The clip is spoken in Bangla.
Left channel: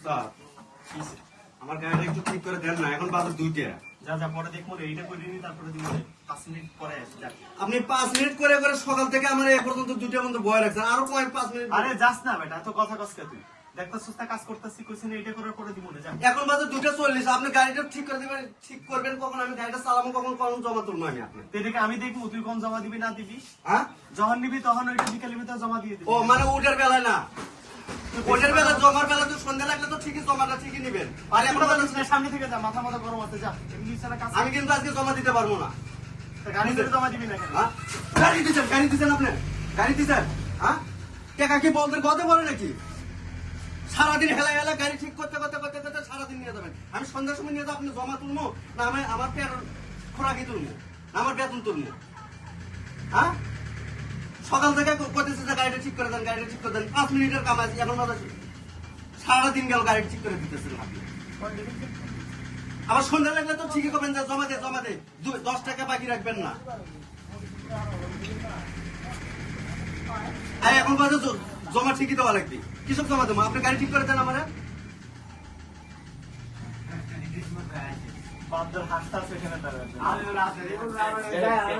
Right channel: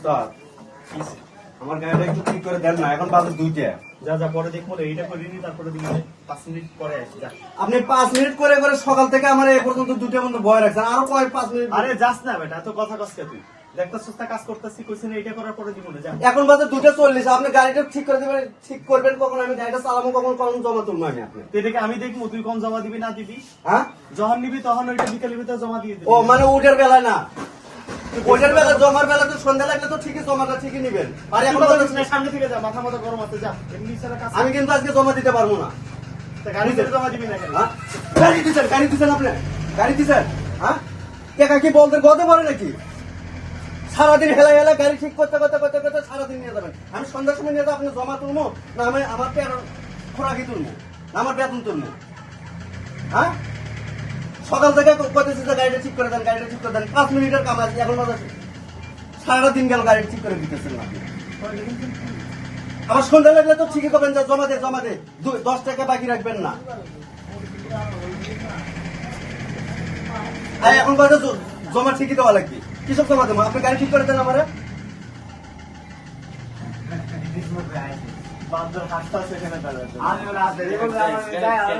উস্তাদ, আমার গাড়িটা একটু ঠিক করে দেন না, এখন বাজে 2টা। যা যা পরে দেখবো রে, এইটা করে নি, তারপরে দিন 5 মিনিট পরে আসি। যা আপনি 5 মিনিট করে করে সকাল থেকে আমার এ পর্যন্ত 2টা পর্যন্ত বয় রাখছেন, আরো কয় 5 মিনিট? আরে যাস না বেটা, এত কথা কসকে তুই দেখতাছিস না কাজ করতেছি, কইছিস না এইটা করার পরে দিব না। যা এখন বাজে 2:40, আপনি গাড়িটা ঠিক করে দিবেন, ঠিক করবেন কখন? আমি গাড়িটা চালাবো কখন, কখন জমা তুলবো আমি আপনি? তো এটাকে আমি দেখবো তুই কোন জমা দিবি না দিবি। হ্যাঁ, যখন নিবি তখন ওইটা বিকেলের ভিতরে জমা দিয়ে দিবি। ও মানে উঠের বেলায় না, ওঠের বেলা জমার বেলা তো সন্ধ্যা লাগলে তো ঠিকই জমাটা ঠিকই নিবেন। আর এখন বাজে- না, সামনে থেকে যা, মাথা মতো গরম আছে। যা এমনি ছাড়া কাজ আমি কিন্তু আজকে জমা দিতে পারবো না। গাড়ি করে জমা দিবি না কেন? হ্যাঁ? গাড়ি দিচ্ছেন আপনি, গাড়ি দিচ্ছেন? হ্যাঁ, টাকা কি বলতে বলতে পারে নাকি? সারাদিন হেলা হেলা গাড়ি ঠিক করতে করতে করতে করতে সারাদিন নিয়ে যাবেন। আমি সন্ধ্যার সময় নিয়ে যাবো, আপনি জমা তুলবো না আমি আমার খোরাকি তুলবো না আমার বেতন তুলবো? হ্যাঁ, সকাল থেকে কইতেছি যে গাড়িটা ঠিক করে দেন, গাড়িটা ঠিক করে দেন। 5 মিনিটের কাম আছে, এখন বাজে সারাদিন গেল গাড়ি ঠিক করে দিতেছেন না আপনি। আবার সন্ধ্যা লাগলে তো ঠিকই করবেন যে জমা দে 10 টাকা বাকি রাখবেন না। আর এখন বাজে জমা ঠিকই দেওয়া লাগবে। কিসব জমা দেবো? আপনি গাড়ি ঠিক করে দেন আমারে। বান্দর হাসতে হাসতে এখানে দাঁড়ায়।